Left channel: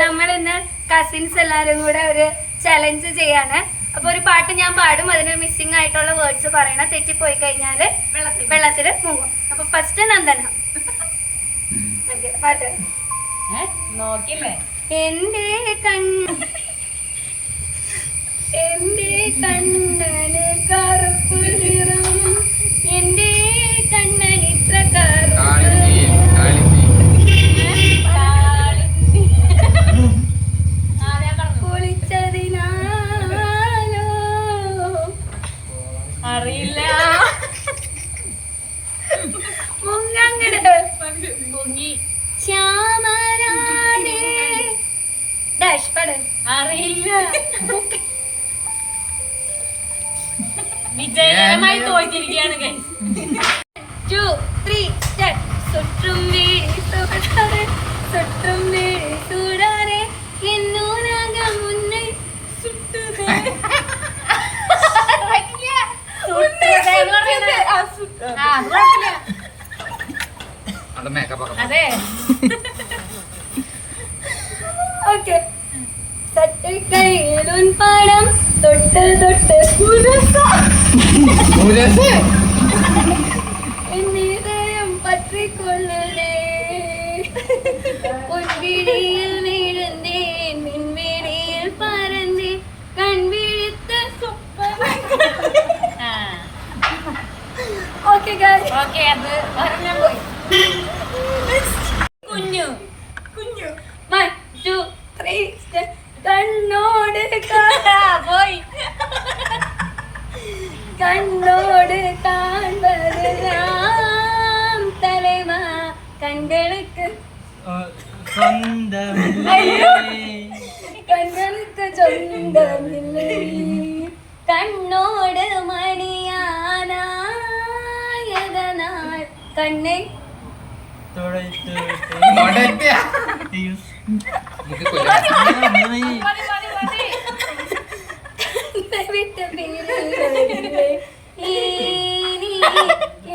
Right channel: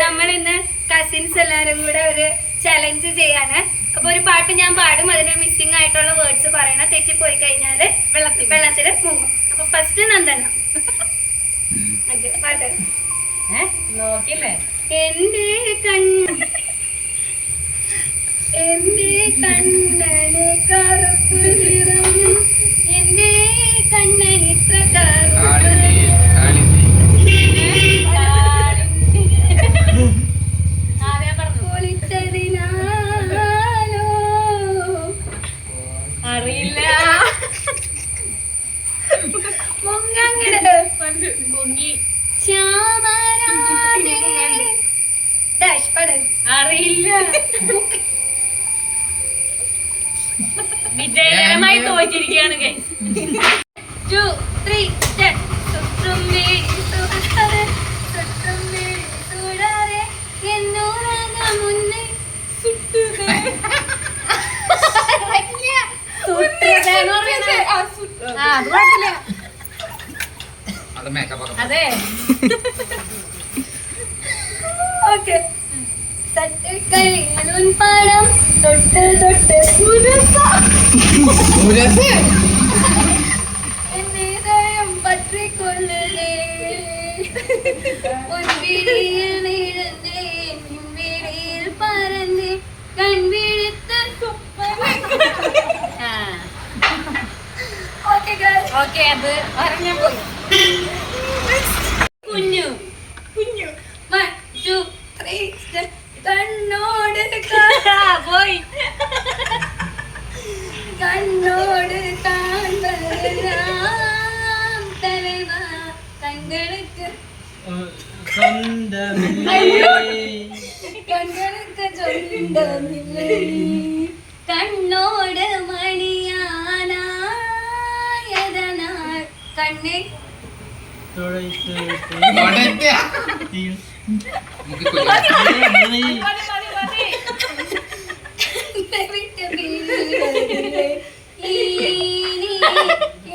നമ്മളിന്ന് കസിൻസ് എല്ലാരും കൂടെ ഒരു ചലഞ്ച് ചെയ്യാണ്. അപ്പൊ ഒരു പാട്ട് ഞാൻ പാടും, അതിന് മിസ്സിംഗ് ആയിട്ടുള്ള വേർഡ്സ് പറയണം. തെറ്റിപ്പോയി കഴിഞ്ഞാല് വെള്ളത്തില് മുങ്ങും. അപ്പൊ ഫസ്റ്റ് നന്ദന. പാട്ട് നോക്കില്ലേ. എന്റെ കണ്ണന് കറുപ്പ് നിറം, എന്റെ കണ്ണൻ ഇത്ര പൊളിച്ചതിനാലോ അറിയില്ല. മുങ്ങി ശ്യാമരാണേ ഡാഷ് പട് അറിയില്ല. വിജയകരമായി തോറ്റിരിക്കുകയാണ് ഗൈസ്. 2, 3 സ്റ്റാർട്ട്. സുറ്റുമേ സുടരെ സുറ്റുമേ സുടരെ എന്നോരക മുന്നേ സുട്ടുതേ അതെ. ഓക്കെ. തട്ടക്കൈയിലും പണം തൊട്ട് തൊട്ട് എന്നീതയം പற்றிക്കൊള്ളലേ പൊൻപിടിയിൽ വീഴുന്നേ മിൻപിടിയിൽ പറന്നേ കൺവിഴുത്ത് ഓക്കെ ഓക്കെ. അത് പറഞ്ഞ പോയി. കുഞ്ഞു 1, 2, 3 കണ്ണോട് പോയി. കണ്ണോട് കാണാം തലവ കண்களுக்கு കண்களுக்கு சொந்தமில்லை കണ്ണോട് മണിയാനായതനാൽ കണ്ണെ വിട്ട്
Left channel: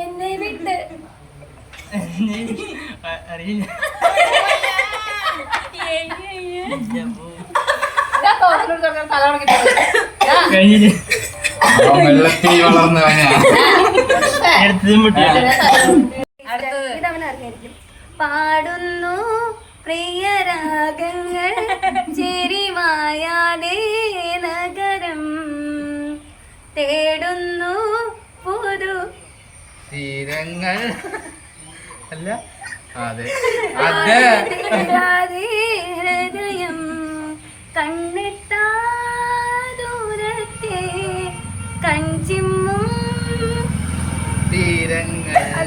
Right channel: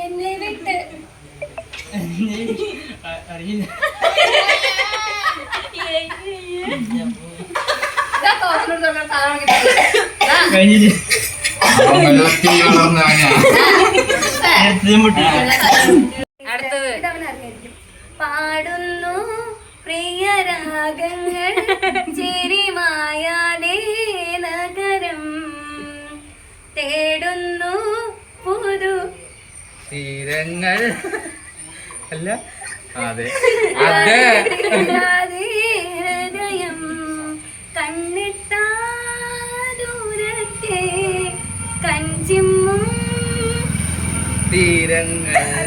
എന്നെ വിട്ട് പാടുന്നു പ്രിയരാഗങ്ങൾ ചിരിമായാതെ നഗരം തേടുന്നു പുതു തീരങ്ങൾ അല്ല. അതെ ഹൃദയം കണ്ണെത്താ ദൂരത്തെ കഞ്ചിമ്മും തീരങ്ങളല്ലേ.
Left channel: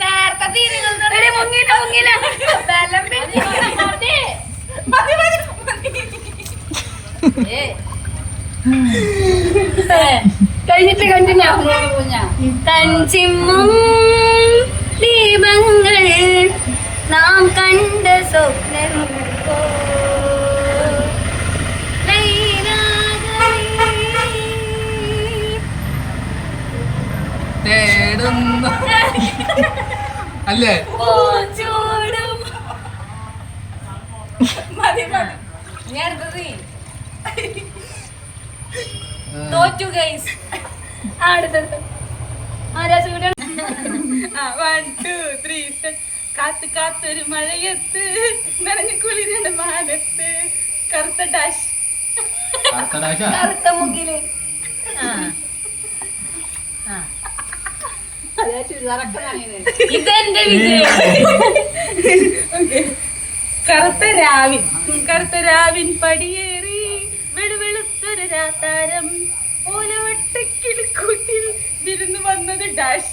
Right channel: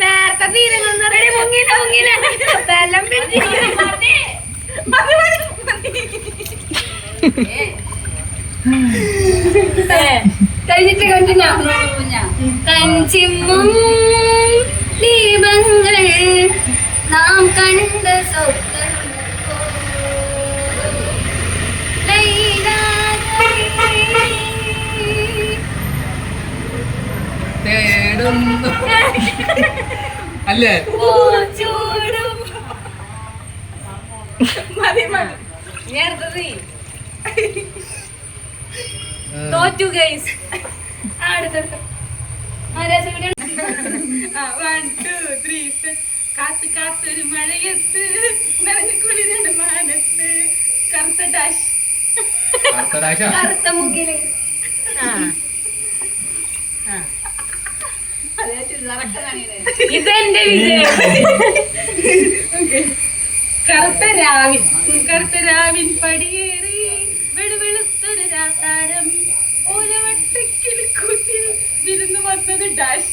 നേരത്തെ തീരങ്ങൾ മുങ്ങില ബലം കഴിഞ്ഞിട്ട് കണ്ടിന്യൂ. കഞ്ചിമ്മും ദീപങ്ങൾ നാം കണ്ട സ്വപ്നങ്ങൾ തേടുന്നു അല്ലേ. ചൂടും തോറ്റു ഗൈസ്. അടുത്തത് ആരാ ചൂടാണ്? 1, 2, 3 കാത്ത് കാത്തൊരു മഴയത്ത് നനഞ്ഞു കുളിരുടെ മാനത്ത് കറുത്ത ഡാഷ്. കറുത്ത മുക്കില് ഇതെന്റെ വിജയം. കറുത്ത രാവിൻ പടിയേറി വെളുവെളുത്തൊരു രാത്താരം ഓലവട്ടക്കിളിക്കൂട്ടിൽ വിരുന്ന് വന്നത് ഡാഷ്.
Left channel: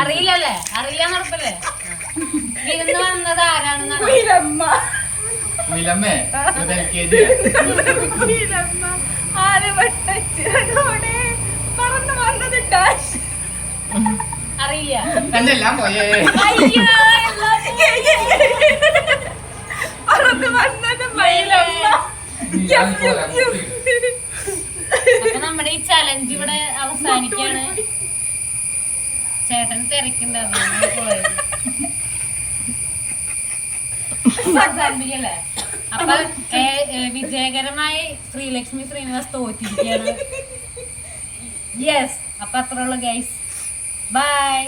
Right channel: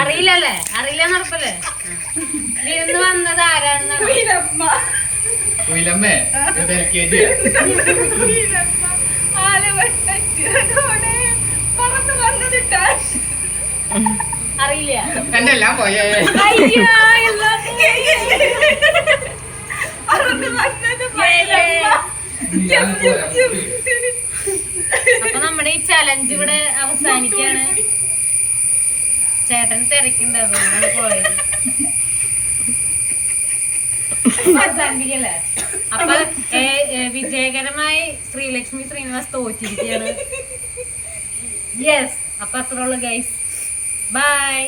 അറിയില്ലല്ലേ? അറിയില്ല ഉറപ്പല്ലേ? വിരുന്ന് വന്നത് ആരാണെന്നാണ്? പറന്നു വന്നത് ഡാഷ്. അറിയില്ല. എന്റെ എല്ലാം പോയേ. പറന്നു വന്നത് മയിലമ്മ. അപ്പൊ നമ്മുടെ ഈ ചലഞ്ച് ഇവിടെ അവസാനിക്കാണ്. ചേട്ടൻ തിരക്കുണ്ടാവും പോയത് അവസാനിപ്പിക്കല്ലേ. അപ്പൊ വിജയകരമായി ശ്രീലക്ഷ്മി ശ്രീനിവാസ് തോറ്റിരിക്കുകയാണ്. യെസ്, അപ്പൊ അത്ര ഉള്ളു ഗൈസ്. ബൈ.